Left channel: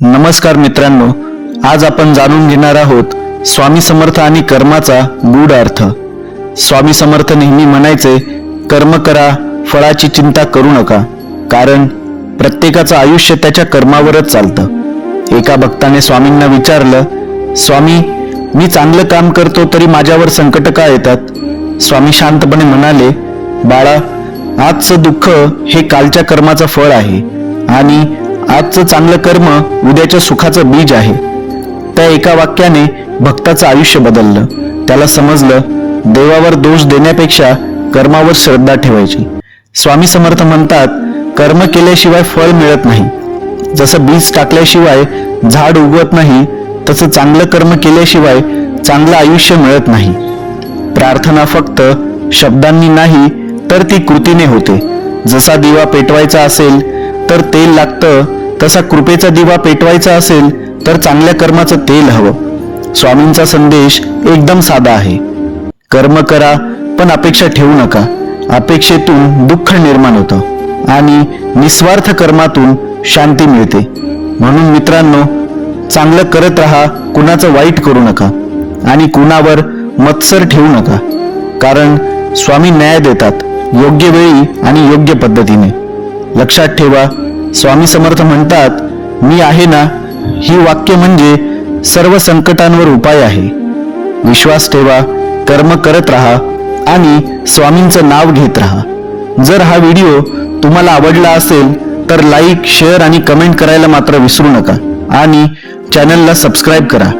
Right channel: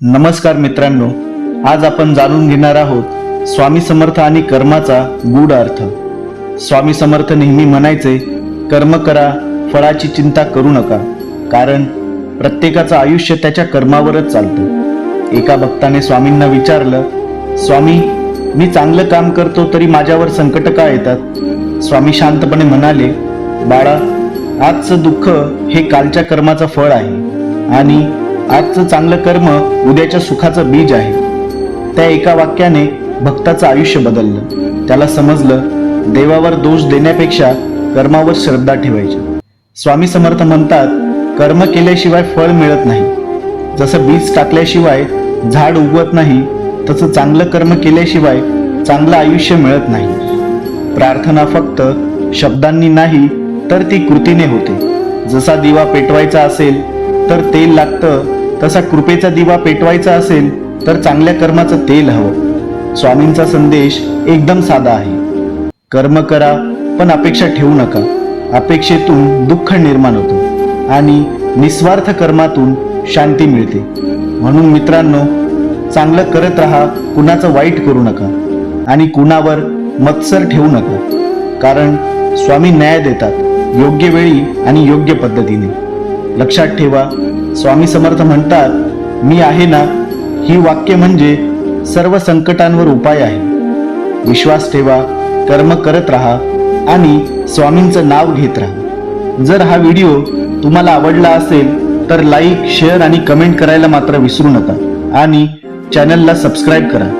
नमस्कार मित्रांनो, आज आपण जाणून घेणार आहोत स्वामी समर्थ आणि कर्माचा गूढ अर्थ। स्वामी समर्थ नेहमी म्हणायचे, कर्म करा, फळाची चिंता करू नका, कारण प्रत्येकाचं आयुष्य त्याच्या कर्मावरच चालतं। एका भक्ताने स्वामींना विचारलं, स्वामी, मी चांगलं काम करतो तरी माझ्यावर संकट का येतात? स्वामी शांतपणे म्हणाले, बाळा, आजचं दुःख हे कालच्या कर्माचं फळ आहे आणि आजचं चांगलं कर्म उद्याच्या सुखाचं बीज आहे। त्या एका वाक्याने भक्ताचं आयुष्य बदललं। त्याला समजलं, देवावर दोष देण्यापेक्षा कर्मावर श्रद्धा ठेवायची। स्वामी समर्थ म्हणतात, कर्म केल्याशिवाय फळ मिळत नाही। जसं बीज टाकल्याशिवाय झाड उगवत नाही, तसं चांगलं कर्म केल्याशिवाय चांगलं आयुष्य मिळत नाही। प्रार्थना फक्त शब्दांनी नाही तर ती कृतीने होते। जसा दिवा पेटवायचा असेल तर तेल लागतं, तसा कृपेचा दिवा पेटवायचा असेल तर चांगल्या कर्माचं तेल हवं। स्वामींचा संदेश एकदम साधा आहे, कर्म करा पण अपेक्षा ठेवू नका। अपेक्षेतून दुःख निर्माण होतं आणि निस्वार्थ कर्मातून शांती मिळते। म्हणून मित्रांनो, चांगलं करत राहा, कुणाचं वाईट करू नका आणि कुणावर मत्सर ठेवू नका, कारण स्वामी न्याय देतात, योग्य वेळी आणि योग्य पद्धतीने। लक्षात ठेवा, स्वामी समर्थ म्हणतात, मी आहे ना, ही वाक्य म्हणजे सर्व संकटांवर उपाय आहे। विश्वास ठेवा, कर्म करत राहा आणि स्वामींचं नाव घेत राहा। जर हा व्हिडिओ तुम्हाला आवडला असेल तर लाईक, शेअर आणि कमेंट करायला मात्र विसरू नका आणि चॅनलला सबस्क्राईब करा।